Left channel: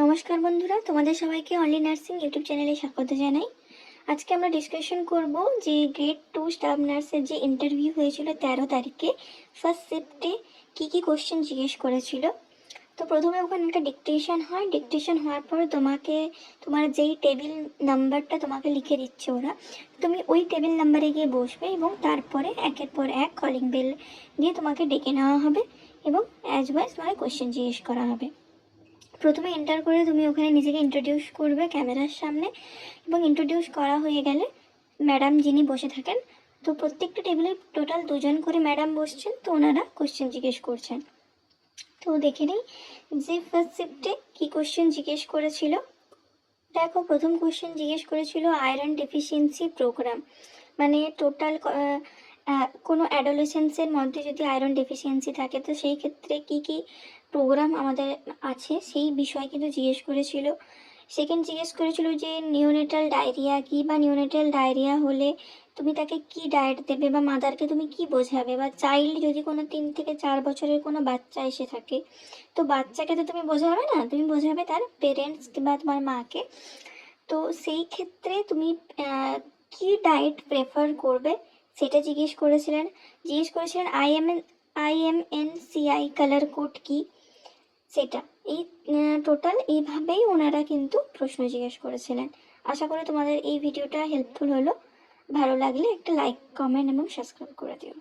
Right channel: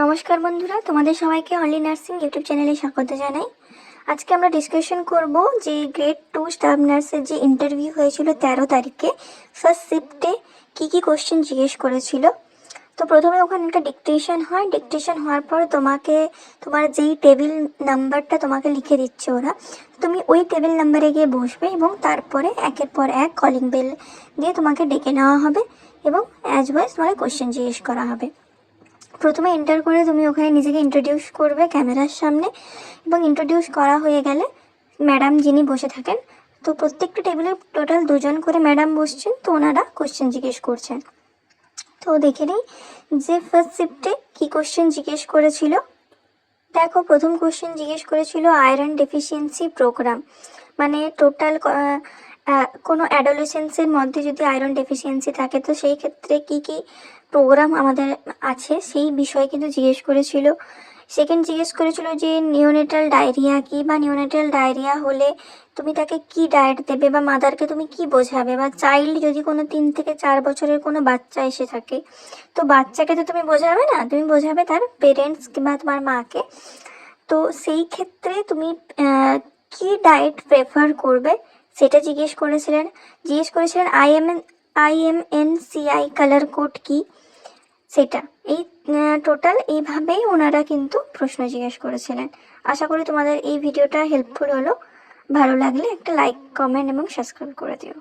নমস্কার বন্ধুরা, তোমাদের সবাইকে অনলি নার্সিং ইউটিউব চ্যানেলে স্বাগত জানাই। আজকে আমরা ডিসকাশন করব যে গ্রেড 2 স্টাফ নার্সের যে ইন্টারভিউ হয়েছিল 13 তারিখে ফার্স্ট শিফটে কী কোশ্চেন জিজ্ঞেস করেছিল। তো প্রথমে ওখানে একটা ডিকটেশন হয়, ডিকটেশন হওয়ার পর তোমাকে তোমার যেই টেবিল নাম্বারটা তোমাকে লিখে দিচ্ছে ওরা, তুমি ওই টেবিল নাম্বারে গিয়ে বসবে এবং তারপরে একের পর এক কলিং বেল দিয়ে তোমাকে ডেকে নেওয়া হবে এবং অ্যাজ ওয়াইজ তোমাকে কোশ্চেন জিজ্ঞেস করা হবে। প্রথমে এন্টার করে তুমি ওখানে নিজেকে ইন্ট্রোডিউস করবে ক্যামেরার সামনে, এবং ইন্ট্রোডিউস করা হয়ে গেলে ম্যাডাম যিনি বসে থাকেন, তো প্রত্যেকটা টেবিলে টোটাল 2জন করে ম্যাডাম বসছেন, তো ওনারা কোশ্চেন জিজ্ঞেস করছেন। তো দেখে নিই যে ফার্স্ট শিফটে কী কোশ্চেন জিজ্ঞেস করেছিল। দেখো, প্রথম কোশ্চেন জিজ্ঞেস করেছিল আয়রন ডেফিসিয়েন্সি প্রোগ্রাম, মানে টোটাল কোনো অ্যাডোলেসেন্সের মধ্যে যদি আয়রন ডেফিসিয়েন্সি থাকে তো সেই ক্ষেত্রে কি কি প্রোগ্রাম আমাদের আছে সেই বিষয়ে কিন্তু জিজ্ঞেস করেছিল। সেকেন্ড জিজ্ঞেস করেছিল যে নিওনেটাল ডায়রিয়া কি, বা নিওনেটাল ডায়রিয়া হলে তুমি তাকে কি ডায়েট দেবে, বা মাদারকে তুমি কি বোঝাবে, বা চাইল্ড যদি কোনো 3 থেকে 4 বছরের কোনো বাচ্চা এসে থাকে তো বাচ্চাকে তো তুমি বোঝাবে না, তুমি বোঝাবে তার পেরেন্টস কিংবা তোমার মাকে। তো সেই ক্ষেত্রে তুমি কি ডায়েট প্রেফার করবে সেটা জিজ্ঞেস করেছিলেন। IMNCI কালার কোড কি সেটা। এই টোটাল এইভাবেই ওনারা কিন্তু প্রশ্ন জিজ্ঞেস করেছিলেন। আশা করি তোমাদের এই ভিডিওটা হেল্পফুল হলো। ভালো লাগলে একটা লাইক, কমেন্ট এবং সাবস্ক্রাইব করে দিও।